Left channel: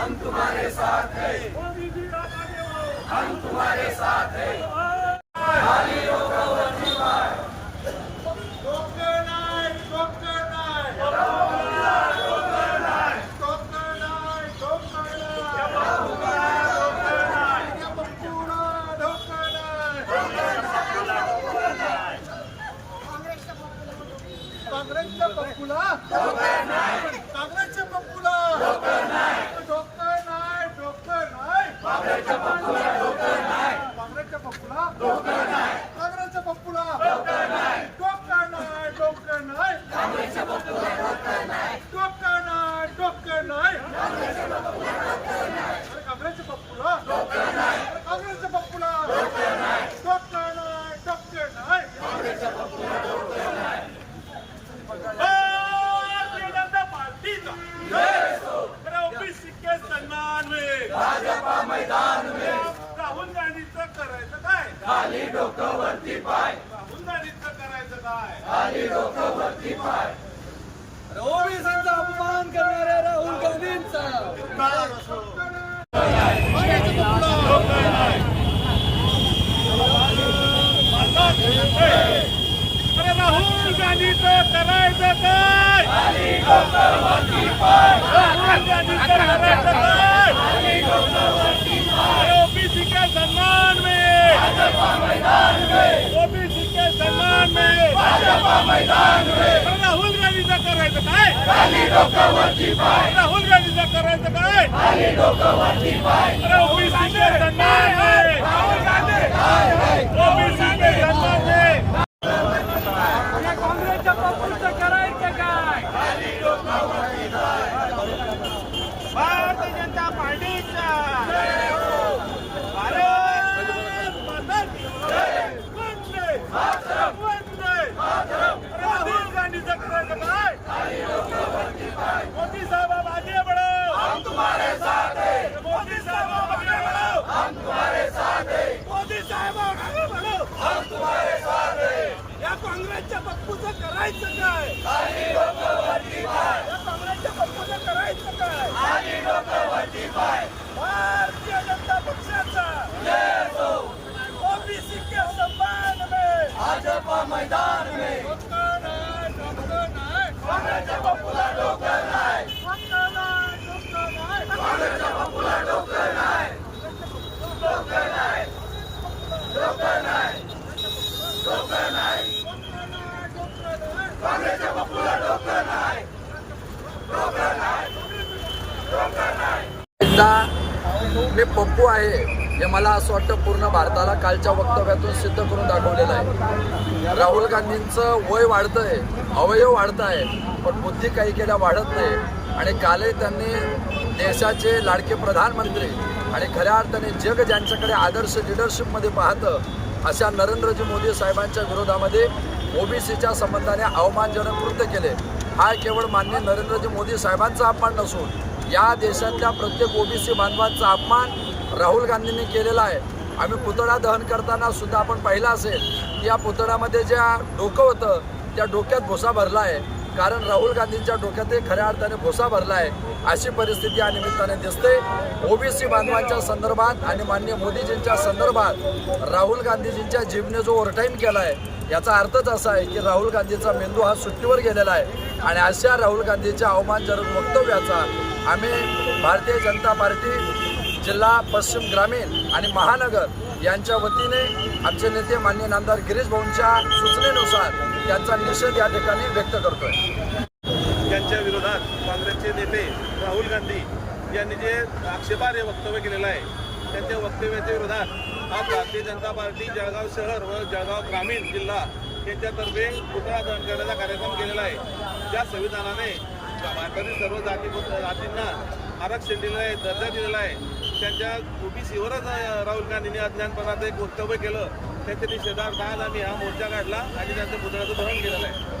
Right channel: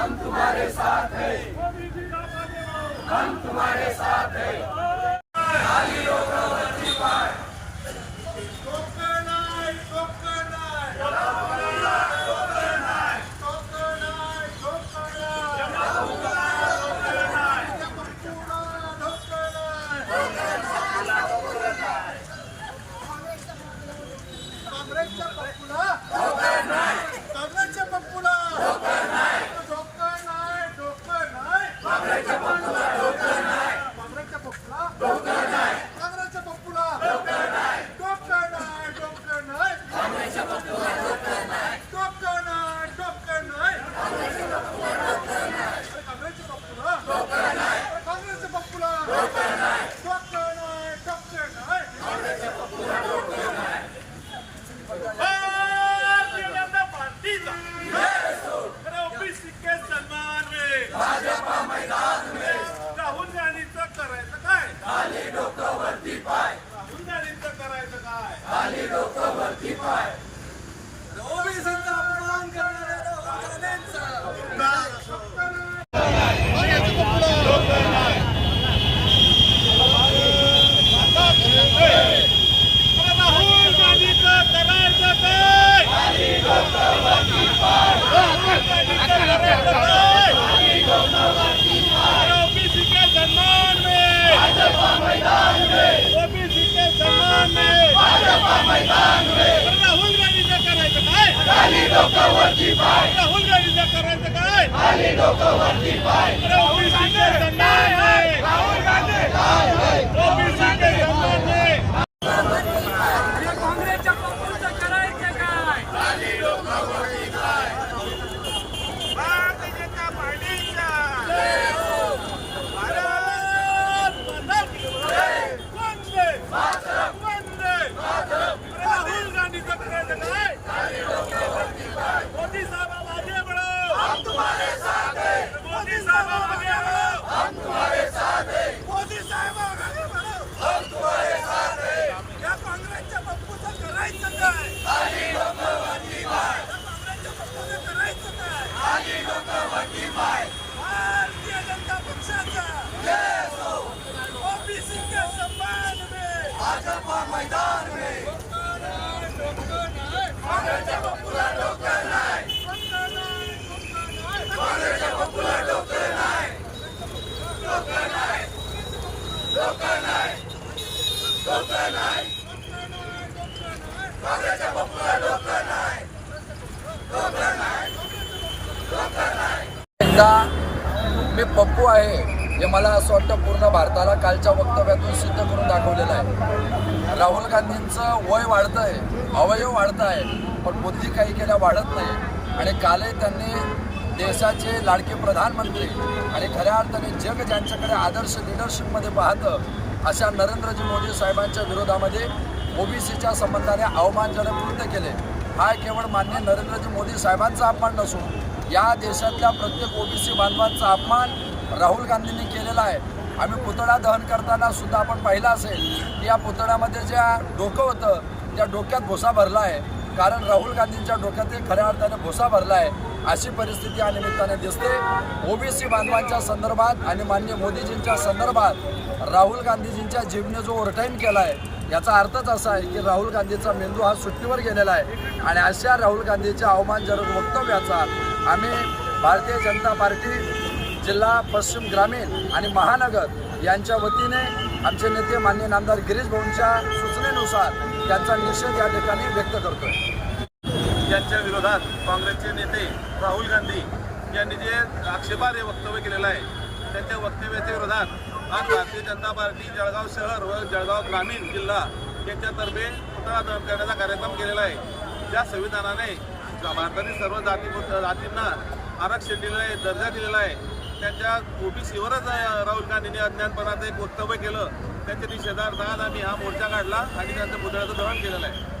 हम तुम्हारे साथ हैं। हम तुम्हारे साथ हैं। काँग्रेसच्या पप्पूला काँग्रेसच्या पप्पूला डोकं नाही काँग्रेसच्या पप्पूला डोकं नाही डोकं नाही डोकं नाही डोकं नाही डोकं नाही काँग्रेसच्या पप्पूला काँग्रेसच्या पप्पूला डोकं नाही डोकं नाही भारतीय जनता पार्टीचा ओबीसी के सन्मान में भाजपा मैदान में राहुल गांधीचं करायचं काय खाली डोकं वरती पाय. राहुल गांधीचं करायचं काय? ओबीसीचा अपमान करणाऱ्या राहुल गांधींचा. अरे राहुल गांधीचं करायचं काय? राहुल गांधीचं करायचं काय अरे ओबीसी के सम्मान में ओबीसी के सम्मान में अरे राहुल गांधीचं करायचं काय? राहुल गांधीचं करायचं काय? अरे ओबीसी के सम्मान में ओबीसी के सम्मान में काँग्रेसच्या पप्पूचं करायचं काय जनता पार्टीचा भारत माता की वंदे वंदे अरे राहुल गांधीचं करायचं काय मोदी साहब आप आगे बढ़ो हम तुम्हारे साथ हैं मोदी साहब आप आगे बढ़ो हम तुम्हारे साथ हैं मोदी साहब आप आगे बढ़ो हम तुम्हारे साथ हैं या काँग्रेसच्या पप्पूचं करायचं काय करायचं काय भारतीय जनता पक्षाचा ओबीसी के सम्मान में भाजपा मैदान में डोकं नाही, डोकं नाही. काँग्रेसच्या पप्पूला डोकं नाही. डोकं नाही, डोकं नाही. काँग्रेसच्या पप्पूला डोकं नाही. एकदा मी पप्पू आहे हे मला असं वाटतं पूर्ण भारताला कालच्या वक्तव्यातून सिद्ध करून दाखवलेलं आहे. राहुल गांधींचं वय वाढतंय अवयव वाढत आहे पण बुद्धी काही केल्या वाढत नाही. आणि कालही त्यांनी देशाचे लाडके प्रधानमंत्री आणि खऱ्या अर्थाने जग ज्यांच्याकडे आदर्श लिडरशिपमध्ये पाहतं अशा नरेंद्रजी मोदी साहेबांच्या विरोधामध्ये ओबीसीच्या संबंधाने अवमानजनक कृत्य केले. हा केवळ मान्य नरेंद्रजी मोदी साहेबांचा अपमान नसून या देशातल्या प्रत्येक ओबीसी बांधवांचा अपमान राहुल गांधींनी केलेला आहे. आम्ही पुतळा दहन करताना सुद्धा आपण पाहिलं असेल की या पुतळ्यामध्ये ज्या डोकं होतं त्या डोक्यात भुसा भरला आहे. कारण राहुल गांधींच्या डोक्यात खऱ्या अर्थाने भुसा भरला आहे. अशी परिस्थिती या निमित्ताने दिसते. ओबीसी बांधवांच्या संदर्भात आणि मान्य मोदीजींच्या संदर्भात राहुल गांधीजींच्या जीवने जो ओरटाईन केला आहे याचा अर्थच असा आहे की राहुल गांधीचा मेंदू हा सुट्टीवर गेलेला आहे. आणि अशा राहुल गांधीच्या अवमानजनक वक्तव्याचा आम्ही भारतीय जनता पार्टी जिल्हा पश्चिम ग्रामीण आणि महानगर यांच्या वतीने आमचे नेते मान्य नामदार गिरीश भाऊंच्या सूचनेनुसार त्यांचा निषेध या ठिकाणी व्यक्त करतोय. यांच्या विरोधात काँग्रेसचे नेते राहुल गांधी यांनी जे आक्षेपार्ह वक्तव्य केलेलं आहे त्यांच्या वक्तव्याच्या विरोधात आज भारतीय जनता पार्टी जळगाव शहर व जळगाव ग्रामीण जिल्हा यांच्यातर्फे पुतळा दहन करण्याचा कार्यक्रम केलेला आहे. त्या संविधानाने भारतातील सर्व जाती जातींना आरक्षण दिलेलं आहे दर्जा दिलेला आहे त्यांच्या ओबीसीवरच राहुल गांधींनी अज्ञानपणाचं एक वक्तव्य केलं त्यांच्या निषेधार्थ आज आम्ही हा मोर्चा काढला आणि त्यांच्या पुतळ्याचं दहन केलेलं आहे.